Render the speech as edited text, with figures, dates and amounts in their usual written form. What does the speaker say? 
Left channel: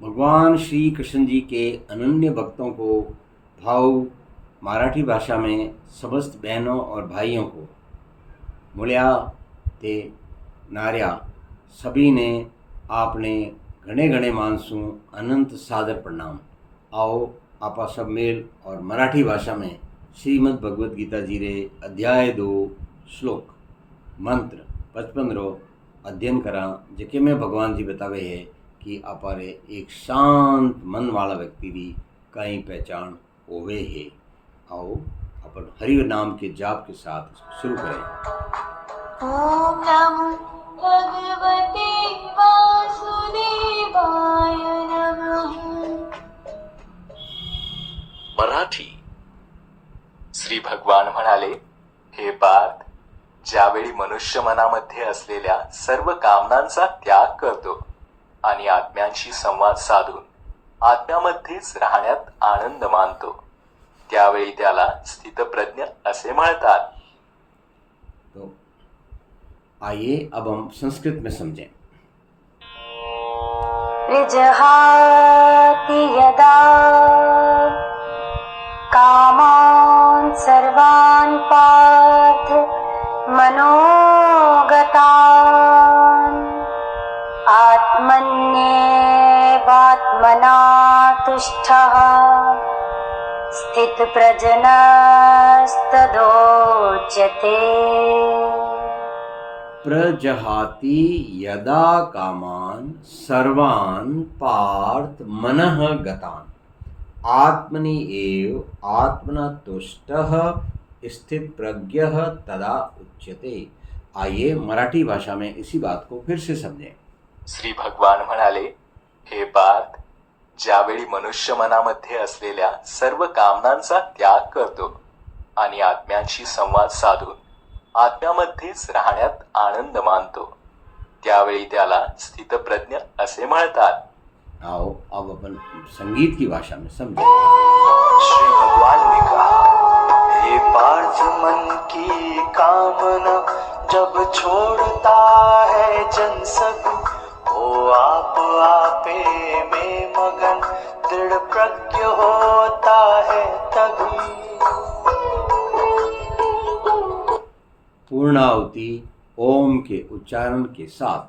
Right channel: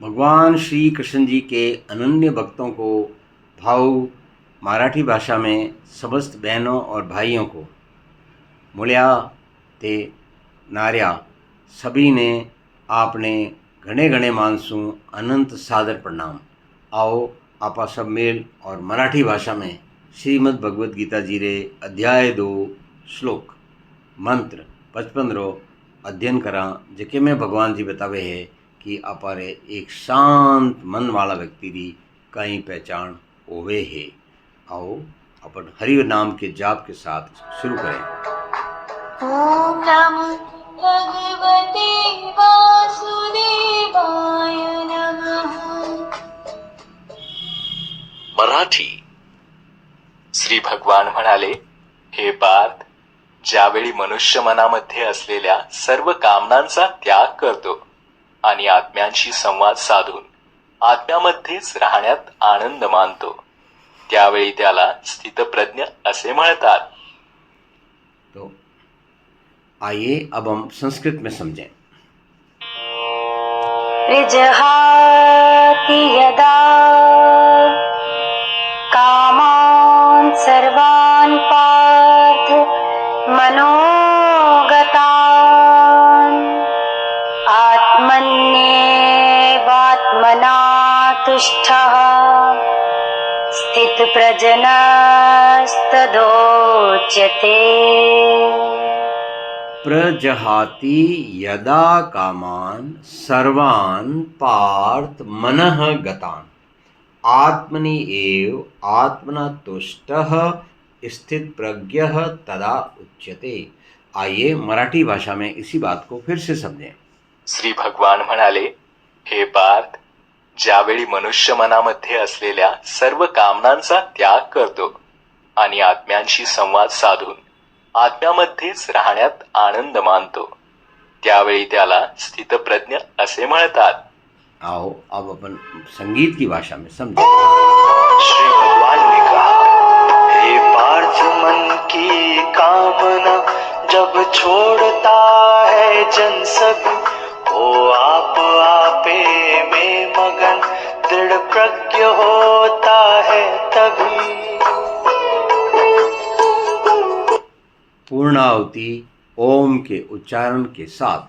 भगवान श्री कृष्ण जी के अनन्य भक्तों को भाव मराठी भाषा में समस्त बहनों और भाइयों को मुळ्या ते नार्या सभी ने आपने घने घने मानसूं अनंत सादर प्रणाम। आओ आपा सब मेल और मराठी भाषा में श्रीमद् भगवद गीता जी रे अध्याय 2 श्लोक मंत्र 55 रो अध्ययन करा, जेके में भगवान जी बतावे है कि अपारे एक शांत मन वाला व्यक्ति री कई पहचान होवे है। आओ अपन हरि नाम के जाप के साथ शुरू करें। ओम नमो भगवते वासुदेवाय नमः। मराठी। श्री भगवान म्हणाले, हे पार्थ, ज्यावेळी मनुष्य मनामध्ये असलेल्या सर्व कामनांचा त्याग करतो आणि आत्म्यांशी संवाद साधून आत्म्यामध्येच राहण्यात आनंद मानतो, त्यावेळी त्याला स्थितप्रज्ञ असे म्हणतात। तो आइए अब हम संस्कृत में समझें। विजहाति यदा कामान् सर्वान् पार्थ मनोगतान् आत्मन्येवात्मना तुष्टः स्थितप्रज्ञस्तदोच्यते। प्रजहाति यदा कामान सर्वान् पार्थ मनः गतान् आत्मनि एव आत्मना तुष्टः स्थित प्रज्ञः तदा उच्यते। आइए मराठी भाषा में इसी बात को फिर से समझें। श्री भगवान म्हणाले, हे पार्थ, ज्यावेळी मनुष्य मनामध्ये असलेल्या सर्व कामनांचा त्याग करतो आणि आत्म्यांशी संवाद साधून आत्म्यामध्येच राहण्यात आनंद मानतो, त्यावेळी त्याला स्थितप्रज्ञ असे म्हणतात। आओ अब अपन संगीत की भाषा में समझें। श्री भगवान ने कहा, हे पार्थ, मन की कामना जब छोड़ता है जन सब, वो आप आपे में मगन दृढ़ प्रज्ञ होता है तभी। पूर्णाहुति ओम के उच्चारण के साथ।